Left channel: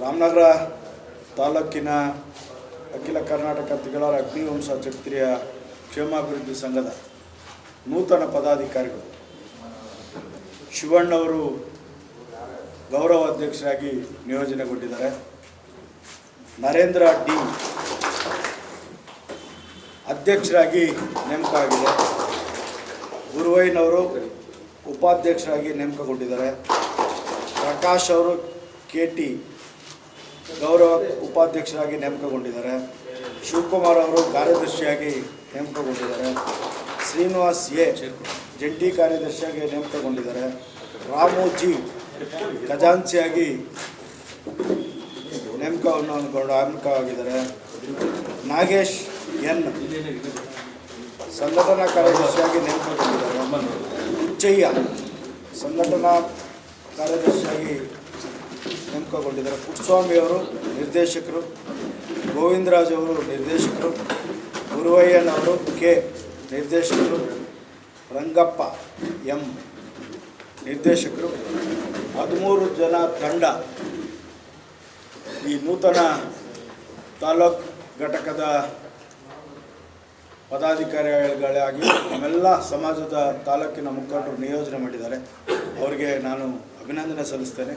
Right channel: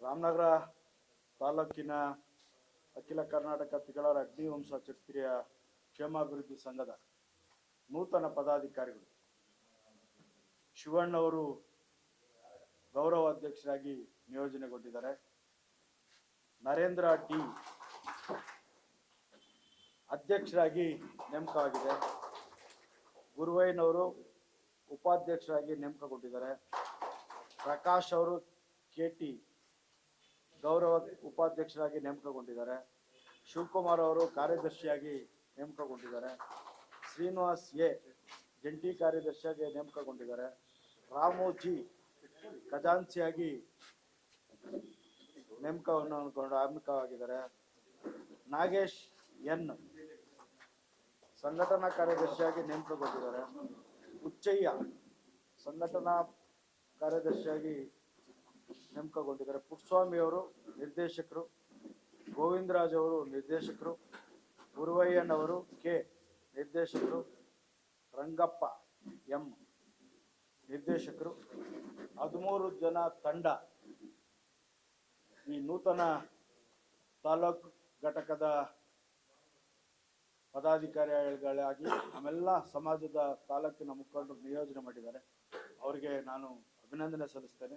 ರಾಮನಗರ ತಾಲೂಕಿನ ಅಖಿಲ ಕರ್ನಾಟಕ ತಿಗಳರ ಅಗ್ನಿವಂಶ ಕ್ಷತ್ರಿಯ ಕ್ಷೇಮಾಭಿವೃದ್ಧಿ ಸಂಘದ ನೂತನ ಪದಾಧಿಕಾರಿಗಳು ಶಿವಣ್ಣವರು ಗೌರವ ಅಧ್ಯಕ್ಷರಾಗಿ ನಿಯೋಜನೆಗೊಂಡಿದ್ದಾರೆ. ನರೇಂದ್ರ ಡಿ ಅಧ್ಯಕ್ಷರಾಗಿ ನೇಮಕ ಆಗಿದೆ. ಗುರುವಯ್ಯನವರು ಉಪಾಧ್ಯಕ್ಷರಾಗಿ ನೇಮಕಗೊಂಡಿದ್ದಾರೆ. ಪ್ರಕಾಶ್ ಅವರು KT ಗೌರವ ಉಪಾಧ್ಯಕ್ಷರಾಗಿ ನೇಮಕಗೊಂಡಿದ್ದಾರೆ. ಶಿವಕುಮಾರ್ ಅವರು ಕಾರ್ಯದರ್ಶಿಯಾಗಿ ನೇಮಕಗೊಂಡಿದ್ದಾರೆ. ಶ್ರೀನಿವಾಸ್ A ಜಂಟಿ ಕಾರ್ಯದರ್ಶಿಯಾಗಿ ನೇಮಕಗೊಂಡಿದ್ದಾರೆ. ರಾಮು G ಖಜಾಂಚಿಯಾಗಿ ನೇಮಕವಾಗಿದ್ದಾರೆ. ನಾಗೇಶ್ N ಸಂಘಟನಾ ಕಾರ್ಯದರ್ಶಿಯಾಗಿ ನೇಮಕಗೊಂಡಿದ್ದಾರೆ. ಹುಚ್ಚಯ್ಯ ಸಂಘಟನಾ ಕಾರ್ಯದರ್ಶಿಯಾಗಿ ನೇಮಕಗೊಂಡಿದ್ದಾರೆ. ಪುಟ್ಟಸ್ವಾಮಿ ಅವರು ನಿರ್ದೇಶಕರು. ಗೋವಿಂದರಾಜ್ ಅವರು ನಿರ್ದೇಶಕರು. ಗುರುವಯ್ಯನವರು K ನಿರ್ದೇಶಕರು. ರಂಗಪ್ಪ M ನಿರ್ದೇಶಕರು. 13 ಜನ ತಂಡ ಈ ನೂತನ ತಾಲೂಕು ಘಟಕದ ಪದಾಧಿಕಾರಿಗಳಾಗಿ ನಮ್ಮೆಲ್ಲ ಸಮಾಜದ ತಾಲೂಕಿನ ಮುಖಂಡರು ನಿಯೋಜನೆ ಮಾಡಿದ್ದಾರೆ. ಅವರಿಗೆ ನಾನು ಅಭಿನಂದನೆ ಸಲ್ಲಿಸ್ತೇನೆ.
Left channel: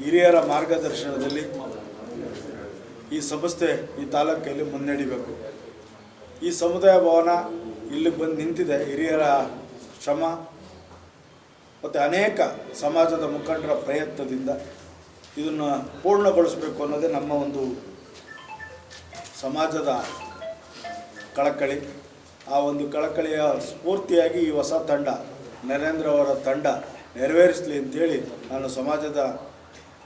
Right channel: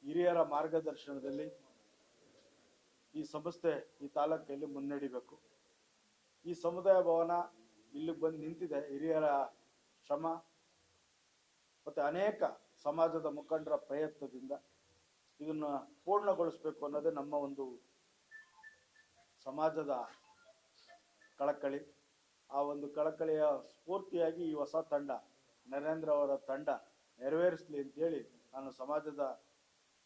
ಹಿರಿಯರ ಮಾರ್ಗದರ್ಶನದಲ್ಲಿ ಈ ಸಂಸ್ಥೆ ಈ ತಾಲೂಕಲ್ಲಿ ಮುನ್ನಡೆಯಬೇಕು. ಈ ಸಮುದಾಯ ಭವನ ಇಲ್ಲಿಗೆ ಬಂದು ನಿಂತಿದೆ ಹಿರಿಯರ ಶ್ರಮ ಮತ್ತು ಅನೇಕ ಸಮಾಜದ ಮುಖಂಡರ ಪ್ರಯತ್ನದಿಂದ. ಇದನ್ನು ಪೂರ್ಣಗೊಳಿಸಬೇಕು ಅನ್ನೋದೇ ನಮ್ಮ ಒಂದು ಸಮಾಜದ ಕಳಕಳಿ. ಆ ಒಂದು ಕಳಕಳಿಯ ಸ್ಫೂರ್ತಿಯಾಗಿ ಈ ಹೊಸ ತಂಡ ನರೇಂದ್ರ ಅವರ ತಂಡ ನೆರವೇರಿಸಲಿ ಅಂತೇಳಿ ನಾನು ಸಮಾಜದ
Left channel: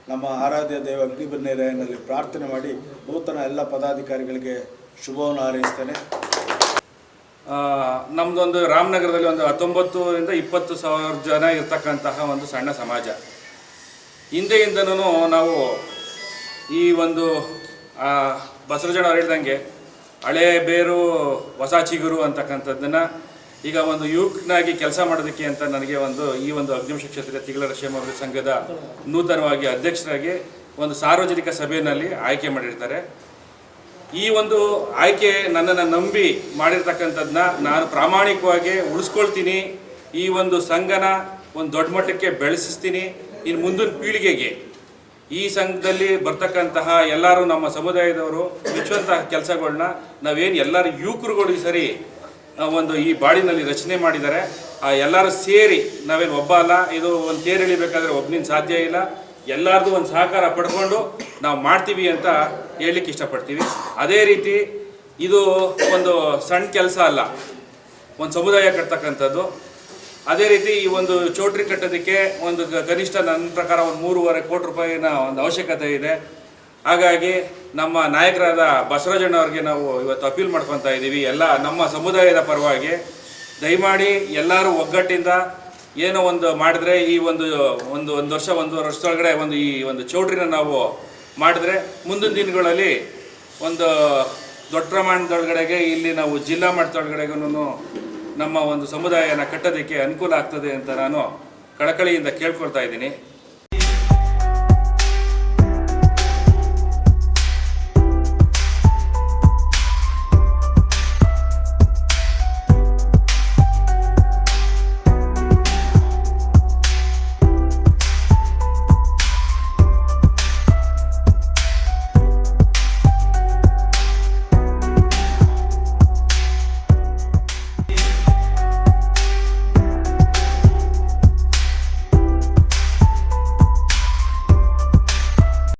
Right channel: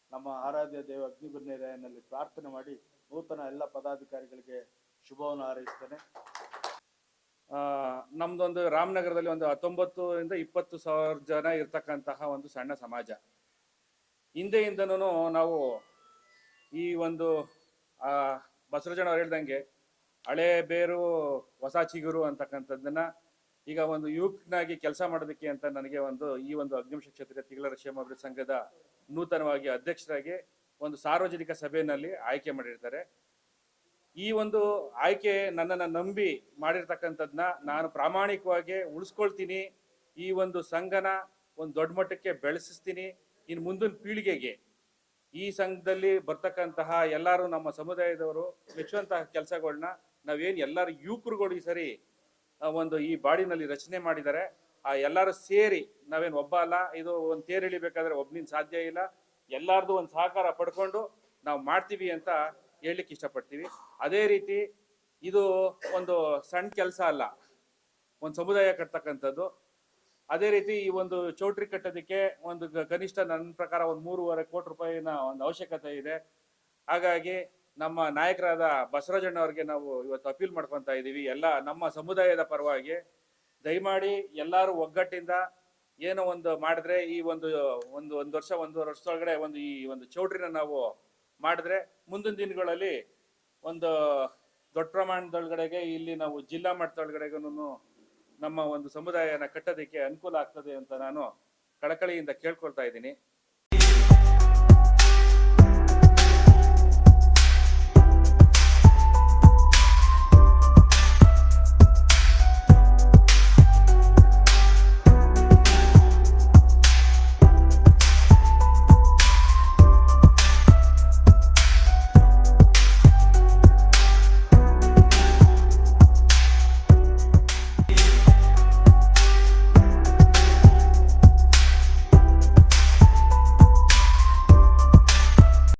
ನಮ್ಮ ಆರಾಧ್ಯ ದೇವ ಅಗ್ನಿಬನ್ನೇರನಲ್ಲಿ ಪ್ರಾರ್ಥನೆ ಮಾಡಿ ನೂತನ ಎಲ್ಲ ಪದಾಧಿಕಾರಿಗಳಿಗೆ ಶುಭವನ್ನು ಹಾರೈಸ್ತೇನೆ. ನಮ್ಮದೊಂದು ರಾಮನಗರದಲ್ಲಿ ಒಂದು 19ರಿಂದ 20 ಸಾವಿರ ಜನ ಇರ್ತಕ್ಕಂತಹ ಒಂದು ಸಣ್ಣ ಸಮಾಜ. ಹಿಂದೆಯಿಂದನೂ ನಾವು ಈ ಒಂದು ಬಸವರಾಜಣ್ಣ ಅವ್ರು ಹೇಳ್ದಂಗೆ ಹಳೆ ಬೇರು ಹೊಸ ಚಿಗುರು ಅಂತಕ್ಕಂಥದ್ದನ್ನು ಈಗ ಒಂದು ಯುವಕನಾಗಿ ಕೆಲಸ ಮಾಡೋದಕ್ಕೆ ಅಂತ ನನಗೆ ಈ ಒಂದು ಅಗ್ನಿವಂಶ ಕ್ಷತ್ರಿಯ ತಿಗಳರ ಕ್ಷೇಮಾಭಿವೃದ್ಧಿ ಸಂಘದ ನೂತನವಾಗಿ ಅಧ್ಯಕ್ಷರಾಗಿ ಒಂದು ಸಾರ್ವಜನಿಕ ಸಭೆಯಲ್ಲಿ ಆಯ್ಕೆ ಮಾಡಿರ್ತಾರೆ. ಈ ಒಂದು ಆಯ್ಕೆ ನನ್ನನ್ನು ನಂಬಿ ಮಾಡಿರ್ತಕ್ಕಂಥದ್ದನ್ನ ನಾನು ಪ್ರಾಮಾಣಿಕವಾಗಿ ಉಳಿಸ್ಕೊಳ್ತೀನಿ. ಈ ಒಂದು ಸಂಘನ ಒಂದು ದೊಡ್ಡ ಮಟ್ಟಕ್ಕೆ ಬೆಳೆಸಿಸ್ತೀನಿ. ಇನ್ನು ಮುಂದಿನ ಪೀಳಿಗೆಗೆ ಈ ಸಂಘದಲ್ಲಿ ಬರ್ತಕ್ಕಂತಹ ಎಲ್ಲರೂ ನಮ್ಮ ಸಮುದಾಯದವರು ಮೆಚ್ಚುವಂತಹ ಕೆಲಸಗಳನ್ನ ನಾವೇನು ಎಲ್ಲರೂ ಯುವಕರುಗಳು ಈ ಸರಿ ಒಂದು ಈ ಬಾಡಿನಲ್ಲಿ ರಚನೆ ಮಾಡಿದ್ದಾರೆ. ಎಲ್ಲರೂ ಸೇರಿ ನಾವೇನು ಒಬ್ಬ ಅಲ್ಲ, ಇದು ಒಂದು ತೇರು ಎಳಿಬೇಕಾದ್ರೆ ಒಬ್ಬನಿಂದ ಸಾಧ್ಯ ಇಲ್ಲ. ಎಲ್ಲರದು ಒಂದು ಸಹಕಾರ ಪಡ್ಕೊಂಡು ನಾವು ಮಾಡ್ತೀವಿ ಅಂತ ಹೇಳಲಿಕ್ಕೆ ಇಷ್ಟಪಡ್ತೀವಿ. ಅದೇ ರೀತಿ ಇದು ಒಂದು ಸಣ್ಣ ಕೆಲಸ ಅಲ್ಲ, ಒಂದು ಸಮುದಾಯ ಕಟ್ತಕ್ಕಂಥದ್ದು. ಅದೇ ರೀತಿ ಈ ಒಂದು ಚೌಟ್ರಿ ಕಟ್ಟೋದಕ್ಕೆ ಒಂದು ಕನಿಷ್ಠ ನನ್ನ ಪ್ರಕಾರ ಒಂದು 3.5 ಕೋಟಿ ರೂಪಾಯಿನ ಒಂದು ಅವಶ್ಯಕತೆ ಇದೆ. ಹಾಗಾಗಿ ನಮ್ಮ ನಾಯಕರಾದ ಬಸವರಾಜಣ್ಣ ಅವ್ರಿಗೆ ನಾವು ಇವತ್ತು ಅಪೀಲ್ ಮಾಡ್ಕೊತಾ ಇದ್ದೀವಿ. ಎಲ್ಲ ನಮ್ಮ ಸಮುದಾಯದ ಪರವಾಗಿ ದಯಮಾಡಿ ಎಲ್ಲರೂ ಒಗ್ಗಟ್ಟಿಂದ ಏನೋ ಒಂದು ಮಾಡಿದ್ರೆ ಈ ಒಂದು ವರ್ಷ 1.5 ವರ್ಷದೊಳಗಡೆ ಈ ಒಂದು ಚೌಟ್ರಿನ ನಾವು ಮಾಡಿದ್ರೆ ಮುಂದಿನ ದಿನಗಳಲ್ಲಿ ಒಂದು ದೊಡ್ಡ ಪ್ರಮಾಣದೊಳಗಡೆಗೆ ಇಲ್ಲಿ ನಾವು ಜಿಲ್ಲಾ ಮಟ್ಟದೊಳಗಡೆಗೂ ನಮ್ಮ ಒಂದು ಸಮುದಾಯನ ಕಟ್ಟೋದಕ್ಕೆ ಅನುಕೂಲ ಆಗ್ತದೆ ಅಂತ ನಾನು ಕಳಕಳಿಯಿಂದ ಕೇಳ್ಕೊಳ್ತಾ ಇದ್ದೀನಿ.